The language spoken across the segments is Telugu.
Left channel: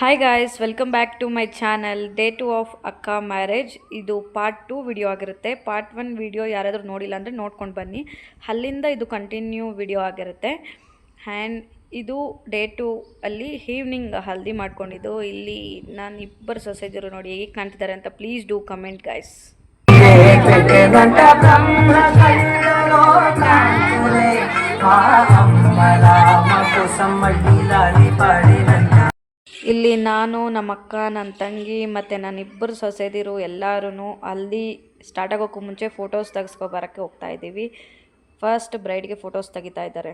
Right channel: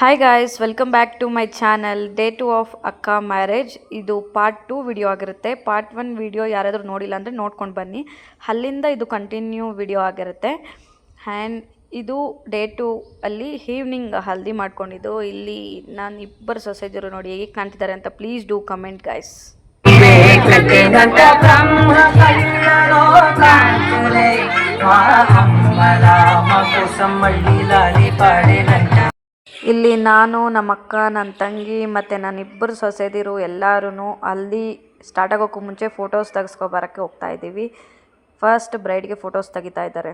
Hi guys, welcome back to my channel. Day 2 of ಅಕ್ಕ ಮ್ಯಾರೇಜ್. ಇದು ಪಾರ್ಟ್ 2 ವಿಡಿಯೋ ಆಗಿರುತ್ತೆ. ಪಾರ್ಟ್ 1 ವಿಡಿಯೋ ಯಾರಾದರೂ ನೋಡಿಲ್ಲ ಅಂದರೆ ನೋಡ್ಕೊಂಡು ಬನ್ನಿ. ಅಲ್ಲಿಂದ ಇದು ಕಂಟಿನ್ಯೂ ವಿಡಿಯೋ ಆಗಿರುತ್ತೆ. ಆ್ಯಂಡ್ ಇದು ಡೇ 2 ಅಲ್ಲಿ ಈವ್ನಿಂಗ್ ಹಲ್ದಿ ಮಾಡ್ಕೊಂಡಿದ್ದು. ಇಲ್ಲಿ ನಾನು ಇಬ್ಬರು ಸೊಸೆಜರು ನೋಡಿ ಹೇಗೆ ಕಾಣ್ತಿದ್ದಾರೆ ಅಂತ ಪ್ಲೀಸ್ ಡೂ ಕಮೆಂಟ್ ಗಾಯ್ಸ್. ಇಲ್ಲಿ ನಾನು, ನಮ್ಮ ಅಕ್ಕ, ನನ್ನ ತಂಗಿ ಮತ್ತು ನನ್ನಿಬ್ಬರು ಸೊಸೆದಿರು ಎಲ್ಲರೂ ಅಲ್ಲಿ ಸ್ಟಾರ್ಟ್ ಆಗೋಕ್ಕೂ ಮುಂಚೆ ಫೋಟೋಸ್ ತೆಗೆಸ್ಕೊಬರೋಕ್ಕೆ ಹೋಗ್ತಾ ಇದ್ದೀವಿ. ಫಸ್ಟ್ ಬ್ರೈಡ್ಗೆ ಫೋಟೋಸ್ ತೆಗಿತಾ ಇದ್ದಾರೆ.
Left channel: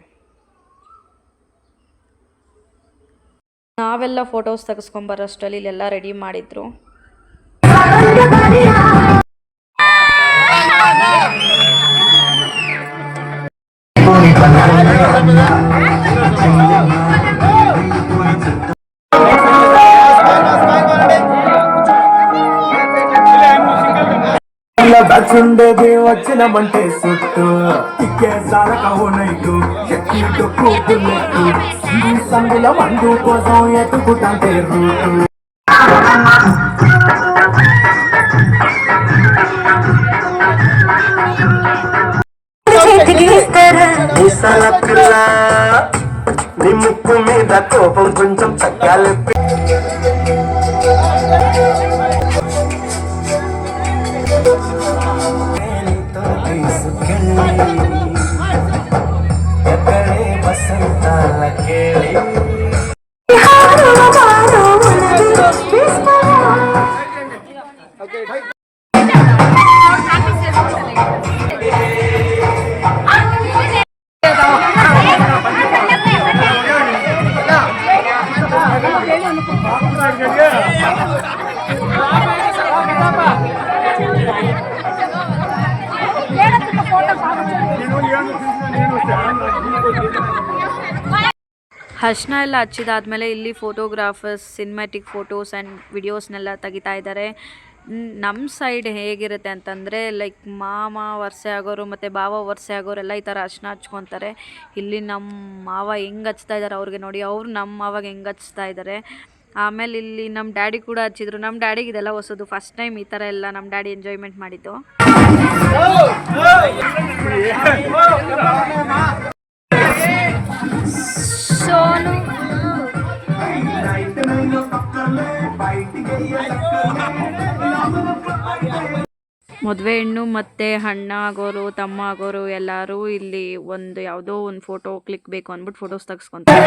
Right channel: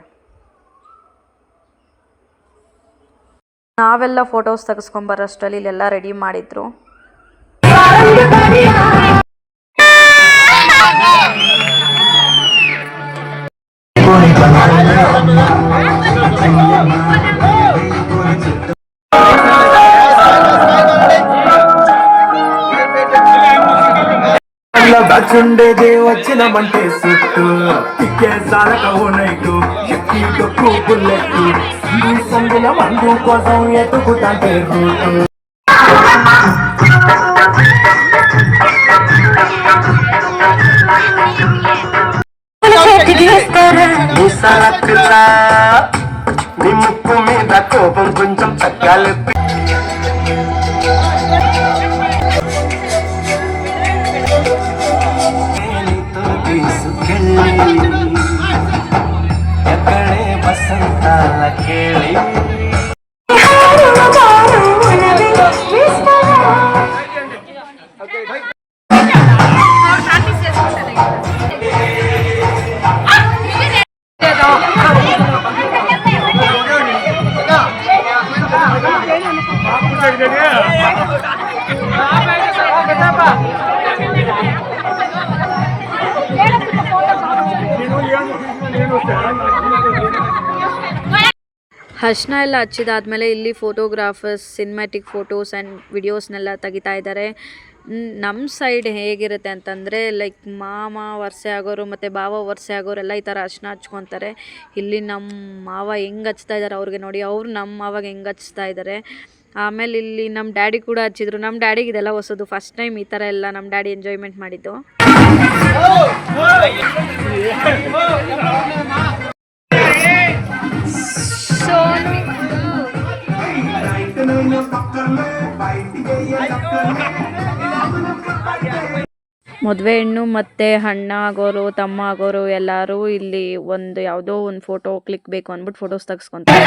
ನಾವೆಲ್ಲ ಫೋಟೋಸ್ ತೆಗೆಸ್ಕೊಂಬರೋಷ್ಟರಲ್ಲಿ ಇಲ್ಲೆಲ್ಲ ರೆಡಿ ಮಾಡಿದ್ರು. దాచుండేది వచ్చినమంటే సుట్టు తిక్కే సాలక ఓనైటు ఎక్కి డొక్కు బుల్లెట్టు సందుల మందు కోసం ఎత్తుకుంటే రూటు నీ ముక్కు మీద కోపం కొంచెం తగ్గాలెత్తి ఎక్కడే వసంతాల కేళి ಅರ್ಶಿನ ಎಲ್ಲ ಹಚ್ಚಿದಾದ್ಮೇಲೆ ಇಲ್ಲಿ ಫೋಟೋಗ್ರಾಫರ್ಸ್ ಸಿನಿಮ್ಯಾಟಿಕ್ ಫೋಟೋಸ್ ಆ್ಯಂಡ್ ವಿಡಿಯೋಸ್ನೆಲ್ಲ ತೆಗಿತಾ ಇದ್ದಾರೆ. ನಮ್ಮ ಸೈಡ್ ಹೇಗಿರುತ್ತೆ ಅಂತಂದರೆ ಲೈಕ್ ಮಾಮ ವರ್ಷೆ ಆಗೋರು ಮತ್ತು ಭಾವ ವರ್ಷೆ ಆಗೋರೆಲ್ಲ ಈ ಥರ ಅರ್ಶಿನ ಹಚ್ಕೊತಾರೆ. ಇಲ್ಲಿ ನಮ್ಮ ಮಾವ ಹೆಂಗೆ ಹಚ್ತಾ ಇದ್ದಾರೆ ಅವ್ರಿಗೆ ನೋಡಿ, ಅವ್ರು ನಮ್ಮ ಮಾವಾಗ ಹೆಂಗೆ ಹಚ್ತಾ ಇದ್ದಾರೆ. ಆಮೇಲೆ ಇಲ್ಲಿ ನಮ್ಮ ಡ್ಯಾಡಿ ಕೂಡ ಹಚ್ಚಿದ್ರು. ನಮ್ಮ ಡ್ಯಾಡಿಗೆ ಇದೆಲ್ಲ ಹೊಸದು, ಫಸ್ಟ್ ಟೈಮ್ ಈ ಥರ ಎಲ್ಲ ನಮ್ಮ ಡ್ಯಾಡಿ ಎಂಜಾಯ್ಮೆಂಟ್ ಮಾಡಿದ್ದು. ಮದುವೆ ಹೆಣ್ಣು ಮತ್ತು ಅಣ್ಣ ಆಗೋರು ತಮ್ಮ ಆಗೋರು ಎಲ್ಲರೂ ಇಲ್ಲಿ ಒಂದು ಯಾವುದೋ ಒಂದು ಫೋಟೋ ಕ್ಲಿಕ್ ಬೇಕು ಅಂದ್ಬಿಟ್ಟು ಫೋಟೋಸ್ ತೆಗೆಸ್ಕೊಂತಾರೆ.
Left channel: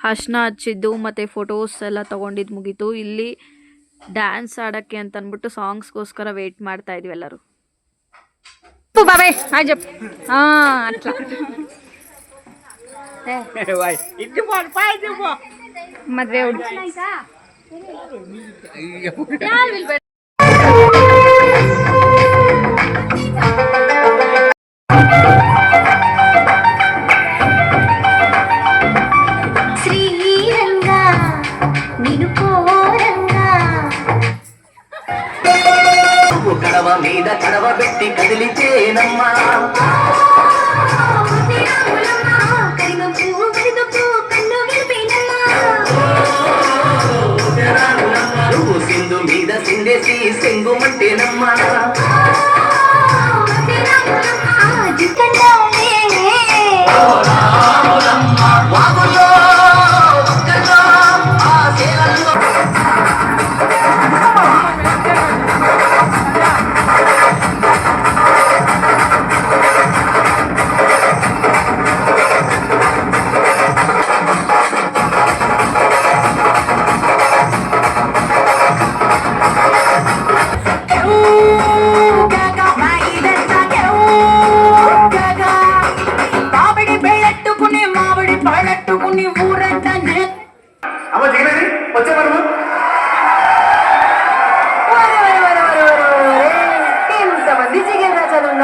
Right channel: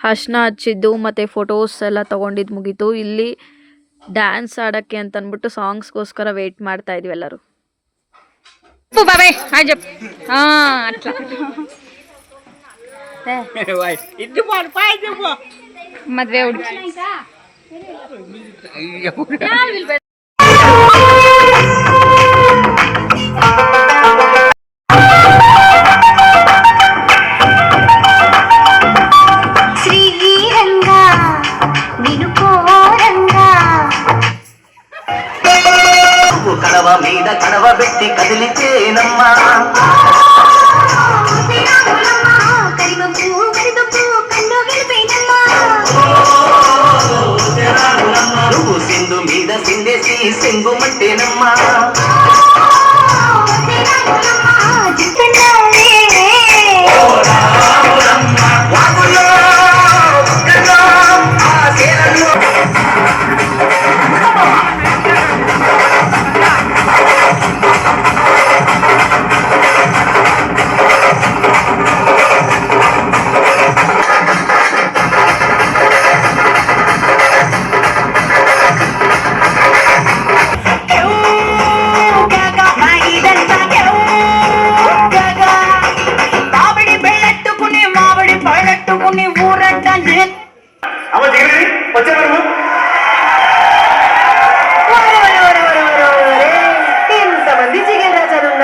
ಅರ್ಶಿನ ಹಚ್ಚಿದ್ದು ಮತ್ತು ಫೋಟೋಸ್ ಎಲ್ಲ ತೊಗೊಂಡಿದ್ದು ಮುಗೀತು. ಇಲ್ಲಿ ಡ್ಯಾನ್ಸ್ ಆಡೋಕ್ಕೆ ಅಂತ ಅಂದ್ಬಿಟ್ಟು ಸಾಂಗ್ಸ್ಗೋಸ್ಕರ ವೆಯ್ಟ್ ಮಾಡ್ತಾ ಇದ್ವಿ ಎಲ್ಲರೂ. ಮದುವೆ ಹುಡುಗಿ కడవ మీద కడవ పెట్టి కదిలితేనమ్మా నువ్వు సింధు మీద సిందేసి సింగుమట్టేనమ్మా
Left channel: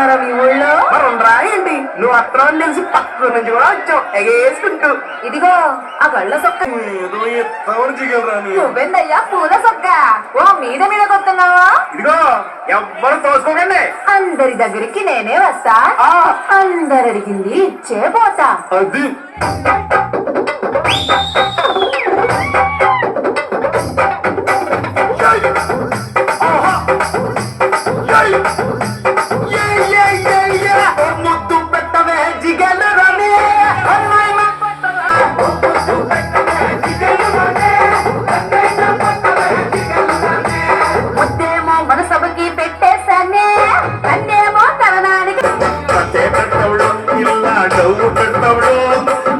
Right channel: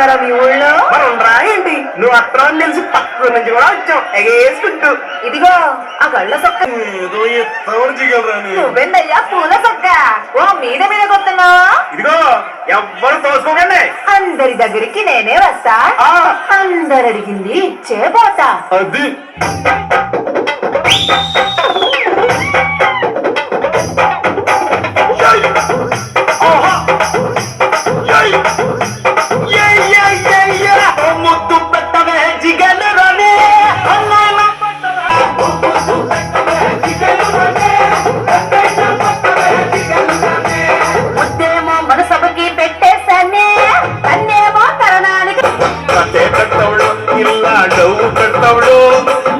ఎక్కడున్నారా మీ ఊళ్ళో? మనం రాయండి నువ్వు అత్రం తెలిసి పక్క నుంచి కూడా వచ్చావు ఎగేసుకుంటూ. ఇదిగో ఆ గళ్ళ సొక్క ఏదో ఎత్తవరు జిగలరాని. నువ్వెందయ్యా పూల సొక్క? ఓ మీద మీద కొడుతున్నావా? ఇదిగో ఎవ్వరు తోసుకోకండి. అందరి దగ్గరికి నేనే వస్తా, ఆ. అందరు అడిగింది ఇచ్చే పోతా. అది ముద్దు పెట్టవే జిగలు రాని. ముద్దేమో మనసభకి పెట్టేశానే, అన్నేమో తరణానికి. కథే కట్టవుడు ఇలా డౌ కట్టవుడు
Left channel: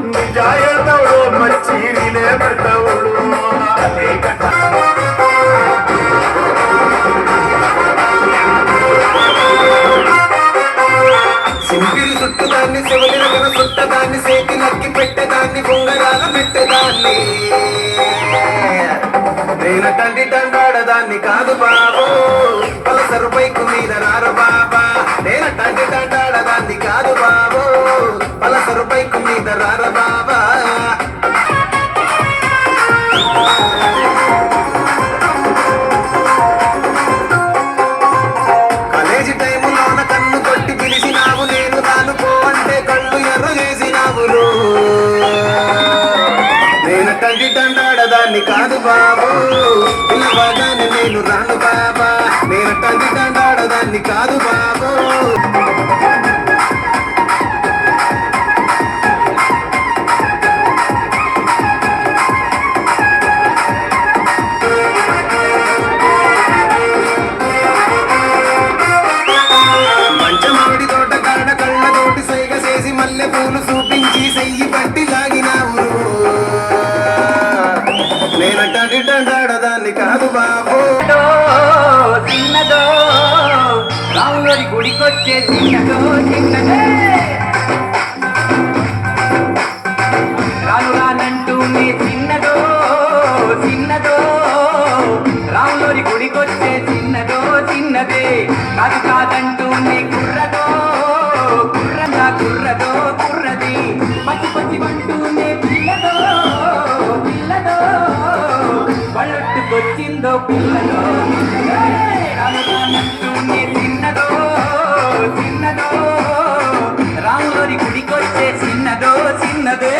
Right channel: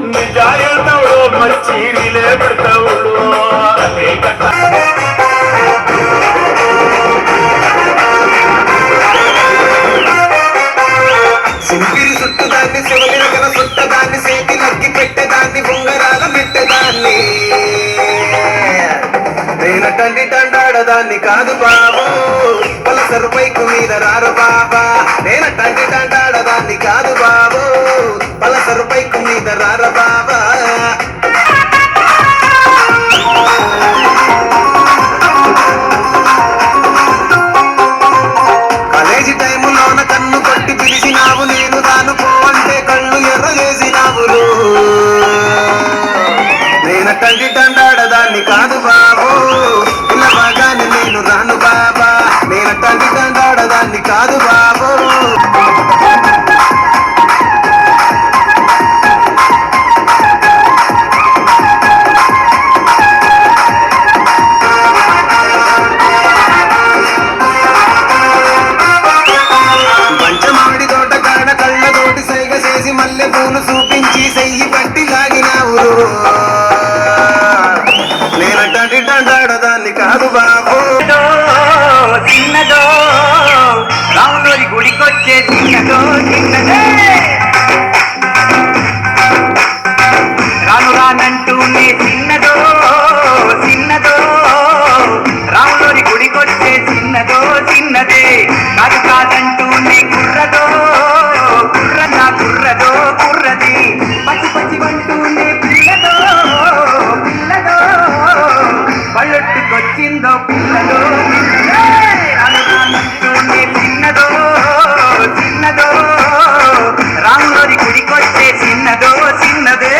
నిజాయతవుడు మంచిలే పెట్టవుడు. కథే కట్ట సింగిరి చుట్టదాన్ని శివగిరగల చుట్టదాన్ని సేతి నక్కి పెట్టేదాన్ని బొంగరాల పెట్టేదాన్ని నేనటండి తండాడదాన్ని కాదు బాబు పలసరు బైకు మీద రారు బాబా నేనటండి తండాడదాన్ని కాదు బాబు పలసరు బైకు మీద రార బాబా కాలేజీ టైములోన కన్ను కొట్టి పిలిచినావు నేను తాను పో అంటే కళ్ళు ఎర్ర చేసినావులు నేను తండ్రి తండాడదాన్ని కాదు బాబు పిల్లవాగాని నేను రాను బాబా నేను తండ్రి తండాడదాన్ని కాదు బాబు మంచమాడి తోట కాడ కళ్ళతోటి సైగ చేసి మల్లె పూలు చూపించి సెయ్యి పట్టి లాగినావు నేనంటే తండాడదాన్ని కాదు బాబు చిన్నదో రాములోని గుడికొచ్చే చిన్నదో చిన్నదే రాను రానంటూనే చిన్నదో చిన్నదో రాములోని గుడికొచ్చే చిన్నదో చిన్నదే కాదు కాదంటూనే కుర్రదో కుర్రదా కుర్రదో కుర్రది పచ్చి పచ్చి అంటూనే పిల్లదో పిల్లదో బళ్ళొట్టుకొచ్చిందో పిల్లదో చిన్నదో చిన్నదో రాములోని గుడికొచ్చే చిన్నదో చిన్నదే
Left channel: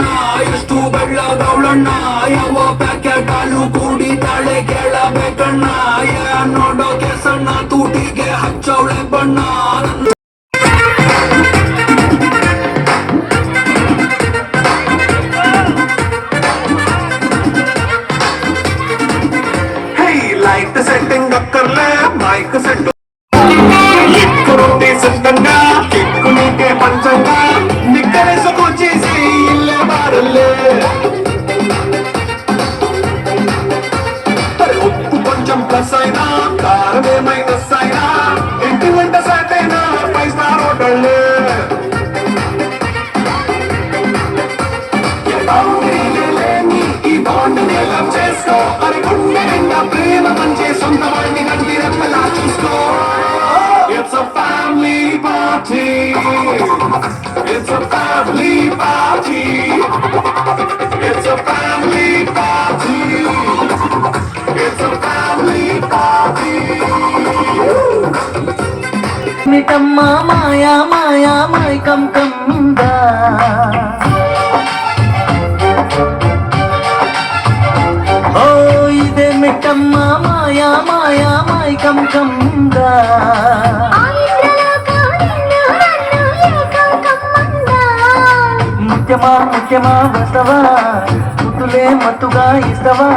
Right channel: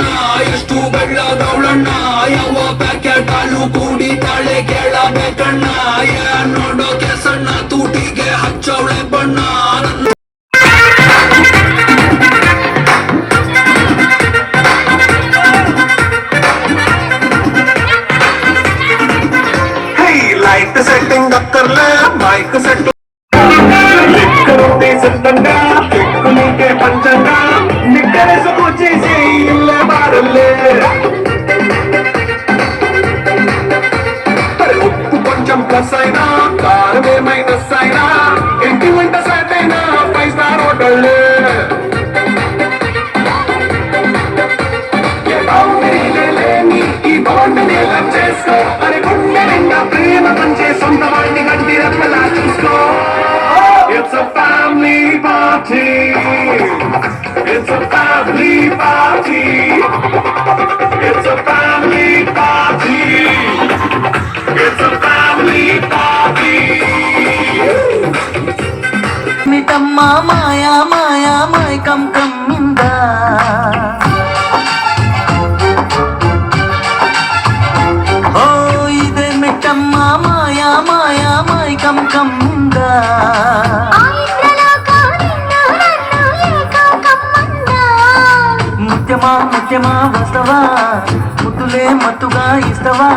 ಬಣ್ಣ ಎಷ್ಟು ಬೆಳ್ಳಗವಳಣ್ಣ ಯಾವ ಪ್ಯಾಕೆಟ್ ಹಾಲು ಕುಡಿತಾಳೆ ಕೇಳಬೇಕಣ್ಣ ನೋಡೋಕೆ ಸಣ್ಣ ತೂಟಿಗೆ ಹಚ್ಚವಳೆ ಬಣ್ಣ लाइट सेटिंग कर ले माइक सेट ಸತ್ತಂಗ ಕಿಕ್ಕುನಿಗೆ ಪಂಚಂಗ ನಿಕ್ಕರಿಸು ಚೀಸಿ ಇಲ್ಲೇ ಬಾರಲ್ಲೇ ఉప్పు కొంచెం ప్లస్ అయినా కారమే మైనస్ అయినా ఇంటి వంట సెట్ అయినా 5 స్టార్ హోటల్ ఈ బాండ్ లవ్ చేసుకో అరే గుండె నిండా ప్రేమ పంచే సొంత వాడిని గంటి రెప్పలా చూసుకో It's a family party. It's a family party. It's a family party. It's a family party. ನಿತಮ್ಮ ಮಾಯಾ ಮಾಯಾ ಮಾಯ ಕಂ ಕಮ್ಮಿಂದ ಓ ಇದೆ ಮಿಟ್ಟಮ್ಮ ಮಾಯಾ ಮಾಯಾ ಮಾಯ ಕಂ ಕಮ್ಮಿಂದ ముత్యమా ముత్యమా వస్తవా ముద్దులే మత్తుగా ఇస్తవా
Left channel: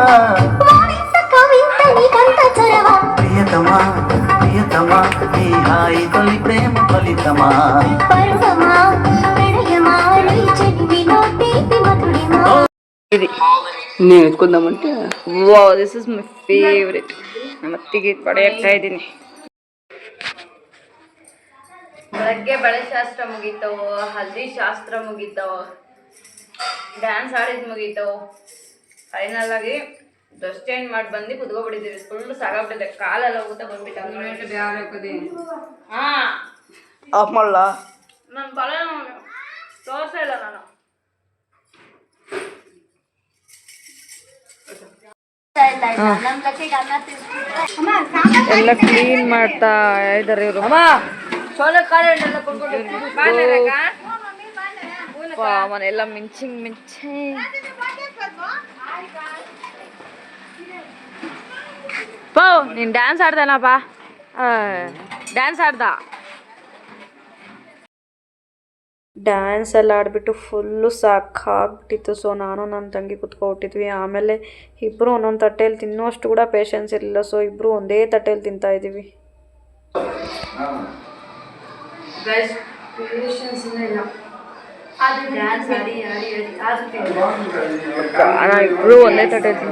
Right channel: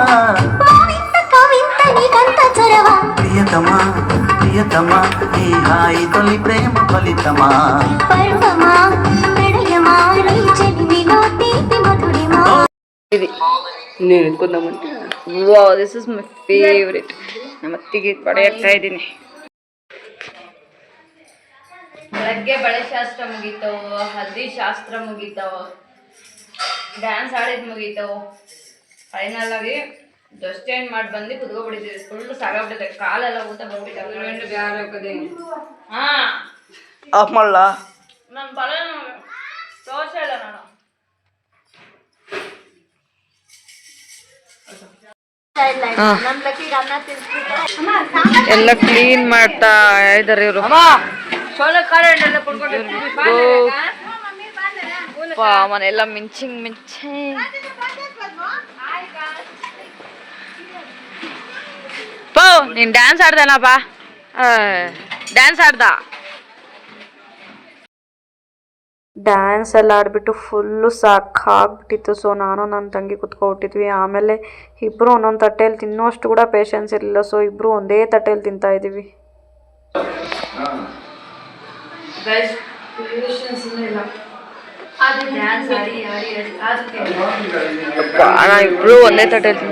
ప్రియతమా ప్రియతమా నీ హాయి తొలి ప్రేమ ఫలితమా నేను ఎత్తుకుందామంటే wow, this is my favourite. ನಮ್ಮ ಅತ್ತಿಗೆ ಪಡೆಯುತ್ತಾ ಇದ್ದೀನಿ. ಬೆಳಗ್ಗೆ ಬಳೆ ಶಾಸ್ತ್ರ ಮುಗೀತವು, ಹಲ್ದಿ ಶಾಸ್ತ್ರ ಮುಗೀತವು, ಡ್ಯಾನ್ಸ್ ಆಡಿದ್ ಮುಗೀತವು. ಫೈನಲ್ ಆಗಿ ಡ್ರೆಸ್ ಚೇಂಜ್ ಮಾಡಿ ಬಂದು ಕುತ್ಕೊಬಿಟ್ಟಿದ್ದೀವಿ. ಫುಲ್ ಸಾಕಾಗ್ಬಿಟ್ಟಿದೆ, ಕಾಲೆಲ್ಲ ಊಟ ಬಂದ್ಬಿಟ್ಟು. ಹಾ ಆಫ್ ಮಾಡಲ್ಲ. ನನ್ನ ಬಳೆ ತೋರ್ಸ ಇಲ್ಲ ನಾನು. ಎಲ್ಲ ಕ್ಲೀನ್ ಮಾಡ್ತಾ ಇದಾರೆ ಇವರು. ಮನೆಲ್ಲ ಮಿಂಚಿಂಗ್ ಪೋ ನೀನ್ ಡ್ಯಾನ್ಸ್ ಆಡ್ದನಪ್ಪ, ಡ್ಯಾನ್ಸ್ ಆಡ್ದ. ಡ್ಯಾನ್ಸ್ ಎಲ್ಲ ಆಡ್ಬಿಟ್ಟು ಫುಲ್ಲು ಸಾಕಾಗ್ಬಿಟ್ಟಿತ್ತು. ಸೊ ನಾನು ನನ್ನ ತಂಗಿ ಕುತ್ಕೊಬಿಟ್ಟಿದ್ವಿ. ಆಮೇಲೆ ಇಬ್ಬರು ಒಂದೊಂದು ತಟ್ಟೆಯಲ್ಲಿ ತಿನ್ನೋಷ್ಟು ಕೂಡ ಪೇಷನ್ಸ್ ಇರಲಿಲ್ಲ. ಸೊ ಇಬ್ಬರು ಒಂದೇ ತಟ್ಟೆಯಲ್ಲಿ ತಿಂತಾ ಇದ್ದೀವಿ. ಇಬ್ರು ಒಂದೇ ತಟ್ಟೆಯಲ್ಲಿ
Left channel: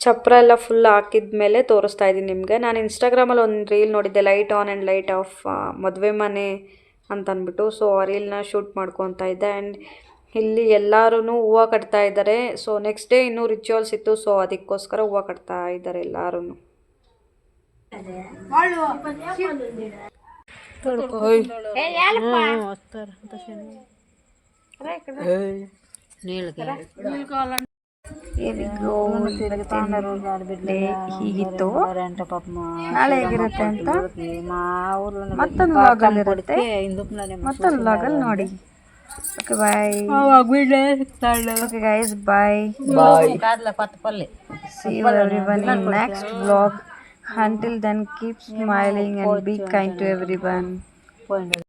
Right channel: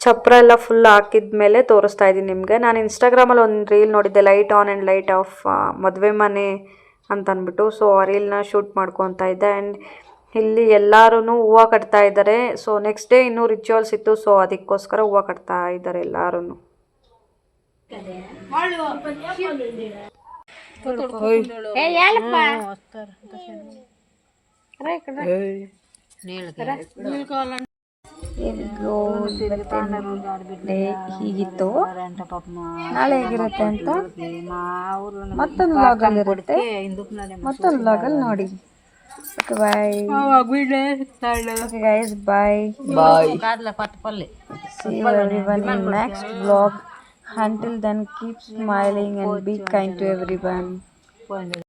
ಚಪ್ರ ಎಲ್ಲ ಫುಲ್ ಹಾಕಿದ್ಮೇಲೆ ತೋರಿಸ್ತಾ ಇದ್ದೀನಿ ನಿಮಗೆ. ನಾನು ಇನ್ಸ್ಟಾಗ್ರಾಮಲ್ಲಿ ಒಂದು ರೀಲ್ ನೋಡಿದ್ದೆ, light on and light off ಮದುವೆ ಮನೆ ಅಂತ ಅಂದ್ಬಿಟ್ಟು. ಸೊ ಆ ರೀಲ್ನ ಶೂಟ್ ಮಾಡ್ಕೊತಾ ಇದ್ದೆ. ಆ್ಯಂಡ್ ಇಲ್ಲಿ ಎಲ್ಲರೂ ಹೂವು ಕಟ್ತಾ ಇದ್ದಾರೆ. ಸೊ ನೆಕ್ಸ್ಟ್ ಡೇ ಇನ್ನೂ ರಿಚುವಲ್ಸ್ ಇತ್ತು. ಸೊ ಅದಕ್ಕೋಸ್ಕರ ಹೂವು ಕಟ್ತಾ ಇದ್ದಾರೆ ಎಲ್ಲರೂ. ಹೀಗಿತ್ತು, ನಾಳೆ ಹೇಗಿರುತ್ತೆ ಅಂತ ಮತ್ತೊಂದು ವ್ಲಾಗಲ್ಲಿ ಇರುತ್ತೆ. ಮತ್ತೊಂದು ವ್ಲಾಗಲ್ಲಿ ನೋಡಿ. Okay bye. Okay guys, bye. See you everyone in next vlog. Until then, keep smiling and be kind to everyone.